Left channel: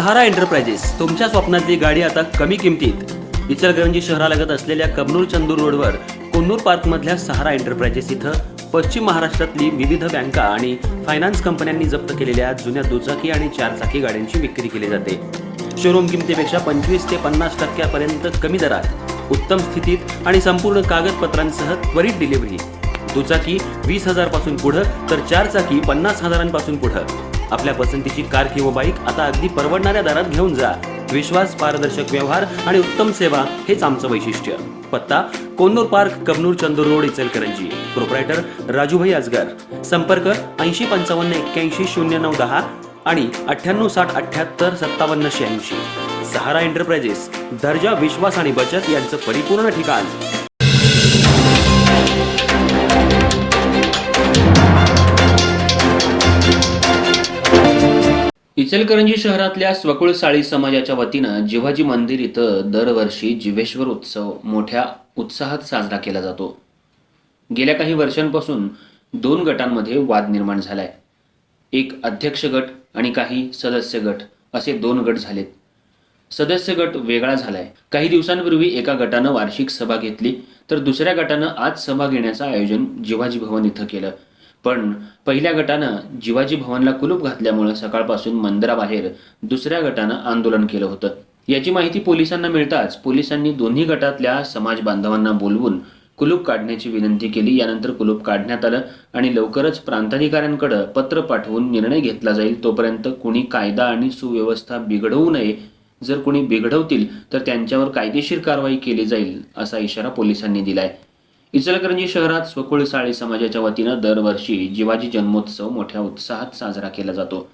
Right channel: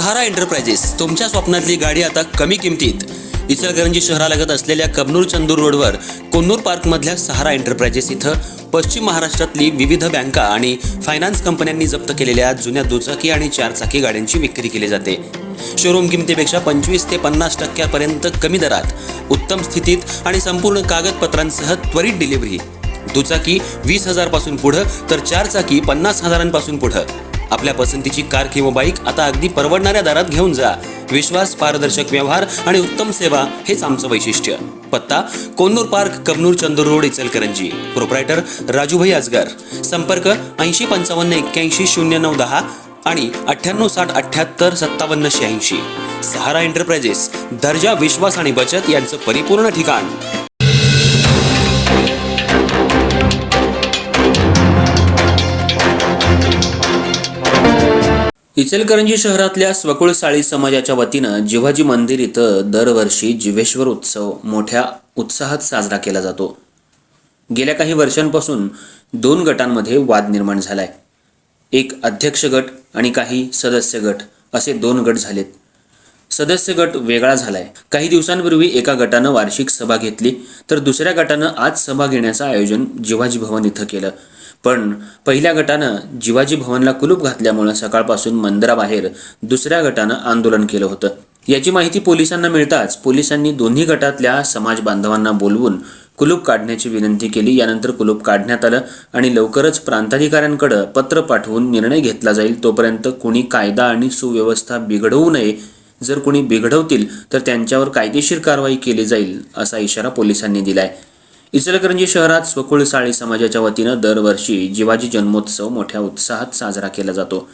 सहारा enterprises तुमच्या स्वप्नातली गाडी आता कमी किमतीत. इचलकरंजी शहरालगत असलेल्या कबनूर चंदूर रोडवर कोन्नूर पार्कमधल्या सहारा एंटरप्राइजेस इथं पश्चिम महाराष्ट्रातली विविध बँका आणि फायनान्स कंपन्यांनी जप्त केलेल्या जुन्या दुचाकी आणि चारचाकी गाड्यांची विक्री केली जाते. शोरूम किमतीपेक्षा 25 ते 50% कमी दरात, उत्तम स्थितीत आणि संपूर्ण कागदपत्रांसह त्वरित डिलिव्हरी. दुचाकी 20,000 पासून पुढे तर चारचाकी 50,000 पासून पुढे. आपल्या पसंतीची कार किंवा बाईक आता अगदी परवडणाऱ्या दरात घेऊन जा. विश्वास, पारदर्शक व्यवहार आणि उत्तम सेवा हेच आमचं वैशिष्ट्य. पत्ता Konnur park, Kabnur Chandur road, Ichalkaranji. Proprietor Rajubhai Ajgar. संपर्क 8055810910 आणि 9860785786. सहारा एंटरप्राइजेस, दर्जा, विश्वास आणि बचत यांचं परिपूर्ण ठिकाण. इचलकरंजी शहरातल्या स्वकुळ साळी समाजाच्या वतीनं जिव्हाजी मंदिर इथं दरवर्षी जिवेश्वर उत्सव मोठ्या उत्साहात साजरा केला जातो. गेल्या काही वर्षांपासून 2 गटांमध्ये वाद निर्माण झालाय. एक अध्यक्ष गट आणि काही सदस्य गट असे 2 गट झालेत. सदस्य गट वेगळा झालाय. काही दिवसांपूर्वी एका गटानं वार्षिक सभा घेतली तर दुसऱ्या गटानं आज सभा घेण्याचं आयोजन जिवाजी भवन इथं केलं. पण पहिल्या गटानं जिवाजी भवनला कुलूप घातल्यामुळे सकाळपासून मंदिराबाहेर दुसऱ्या गटानं आंदोलन केलं होतं. याची माहिती पोलिसांना मिळताच पोलिसांनी दोन्ही गटातल्या समाज बांधवांना बोलवून कुलूप काढण्याची विनंती केली. यानंतर कुलूप काढण्यात आलं आणि लवकरच प्रांताधिकाऱ्यांकडे पत्र पाठवून निर्णय घेतला जाईल. तोपर्यंत कुणी कायदा आणि सुव्यवस्था बिघडवू नये. जर कुणी बिघडवतील तर त्यांच्यावर कायदेशीर कारवाई केली जाईल असा इशारा पोलिसांनी दिलाय. इचलकरंजी शहरात स्वकुळ साळी समाजाच्या वतीनं दरवर्षी जिवाजी जन्मोत्सव मोठ्या उत्साहात साजरा केला जातो.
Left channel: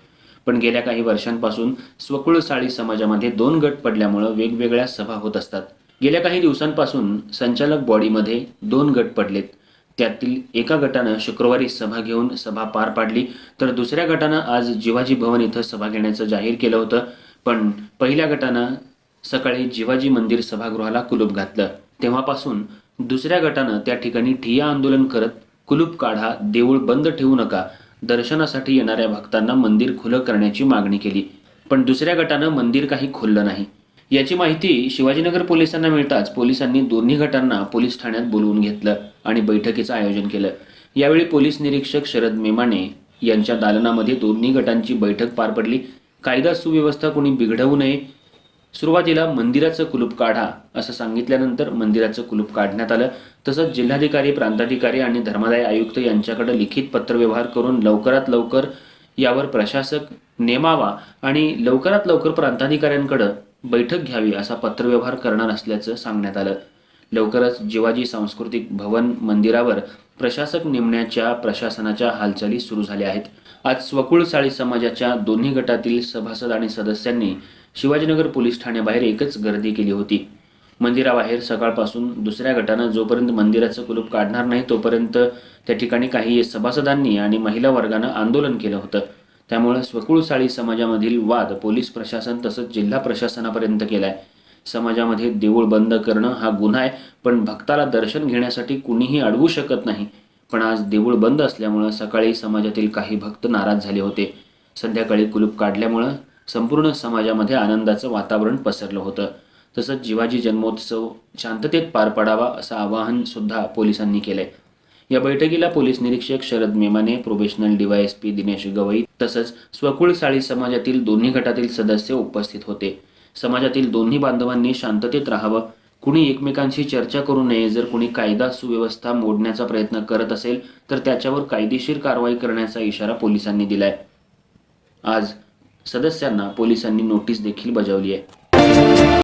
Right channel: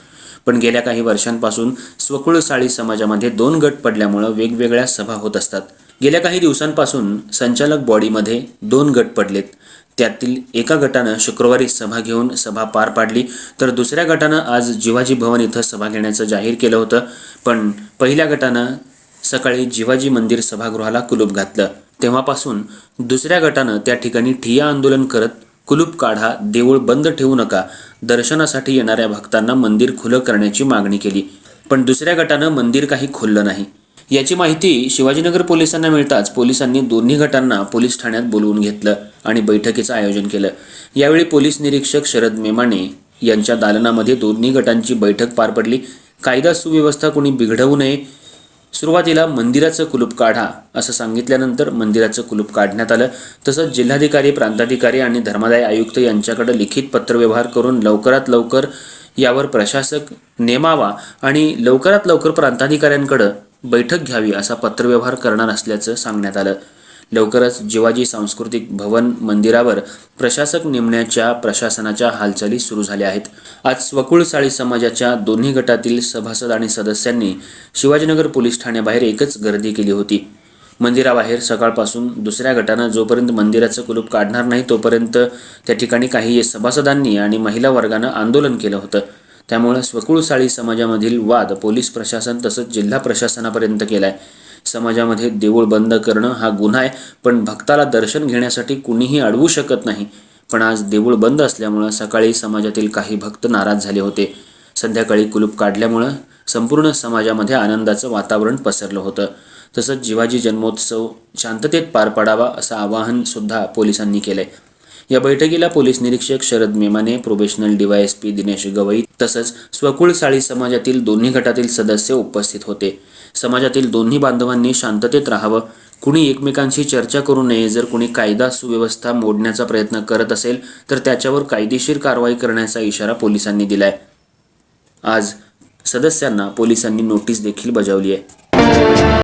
पण गेल्या काही वर्षांपासून स्वकुळ साळी समाजामध्ये 2 गट पडल्यामुळे वेगवेगळ्या सभा होत असतात. गेल्या काही दिवसांपासून संचालक बॉडीमध्ये 2 गट पडलेत. त्यातील एका गटानं शुक्रवारी सभा घेऊन सभा पार पाडली तर दुसऱ्या गटानं आज जिवाजी भवन इथं सभा घेण्याचं जाहीर केलं होतं. पण पहिल्या गटानं सकाळी जिवाजी मंदिर सभागृहाला कुलूप घातलं. तेव्हापासून दुसऱ्या गटानं त्या ठिकाणी ठिय्या आंदोलन करत कुलूप काढा, देऊळ बंद ठेवू नका, दर्शनासाठी येणाऱ्या भक्तांना मंदिर खुलं करण्याची मागणी केली. पण दुसऱ्या गटानं मंदिर काही खोललं नाही. याची माहिती शिवाजीनगर पोलिसांना मिळताच पोलिसांनी दोन्ही गटांना पोलीस ठाण्यात बोलवून घेतलं आणि बैठकीचं आयोजन केलं. यावेळी पोलीस निरीक्षक शरद मेमाने यांच्या दालनामध्ये दोन्ही गटांची बैठक पार पडली. कायदा सुव्यवस्था कोणी बिघडवू नये. सुरुवातीला मंदिराचं कुलूप काढा असं सांगितल्यानंतर मंदिराचं कुलूप काढण्यात आलं. तसंच जिल्हाधिकारी, प्रांताधिकारी आणि धर्मादाय आयुक्त यांच्याकडे लिखित पत्रव्यवहार करून लवकरात लवकर यावर प्रशासक नेमावा आणि लवकरात लवकर प्रांताधिकाऱ्यांकडे बैठक घ्यावी असा पत्रव्यवहार करणार असल्याचं सांगण्यात आलं. लवकरच जिवाजी सांस्कृतिक भवन मंदिरावर प्रशासक नेमण्याच्या प्रशासनाच्या हालचाली सुरू झाल्या आहेत. आज स्वकुळ साळी समाजाच्या दोन्ही गटातील सभासद आणि सदस्यांनी शिवाजीनगर पोलीस ठाण्याबाहेर एकच गर्दी केली होती. मंदिराबाहेर सकाळपासून दुसऱ्या गटानं जोपर्यंत मंदिराचं कुलूप काढणार नाही तोपर्यंत त्या ठिकाणी काही सभासदांनी आणि महिला वर्गानं आंदोलन केलं होतं. त्यामुळे स्वकुळ साळी समाजामधील वाद पोलीस प्रशासन तसंच जिल्हा प्रशासनापर्यंत केलाय. समाजामध्ये देऊळ बंद करणं हा गुन्हा आहे, पण भक्ताला दर्शन घेण्यासाठी कुणीही अडवू शकत नाही. पण आज देऊळ बंद असल्यामुळं सकाळी समाजातील काही भक्त नाराज झाले होते. संध्याकाळी कुलूप काढल्यामुळं संपूर्ण समाजामध्ये आनंदाचं वातावरण पसरलं होतं. तसंच जिवाजी जन्मोत्सव शांततेत पार पाडावा असं आवाहन सुद्धा पोलिसांनी केलंय. या बैठकीला पोलीस निरीक्षक शरद मेमाने, प्रोबेशनल DYSP दिनेश गवई तसंच स्वकुळ साळी समाजातील दोन्ही गटातील सदस्य उपस्थित होते. समाजातील दोन्ही बांधवांनी शांततेत राहावं. कुणी एकमेकांशी चर्चा करू नये. जर कुणी कायदा सुव्यवस्था मोडण्याचा प्रयत्न करत असेल तर त्याच्यावर कायदेशीर कारवाई करण्याचा इशारा पोलिसांनी दिलाय. आज सदस्यांना पोलिसांनी नोटीस देखील बजावली आहे.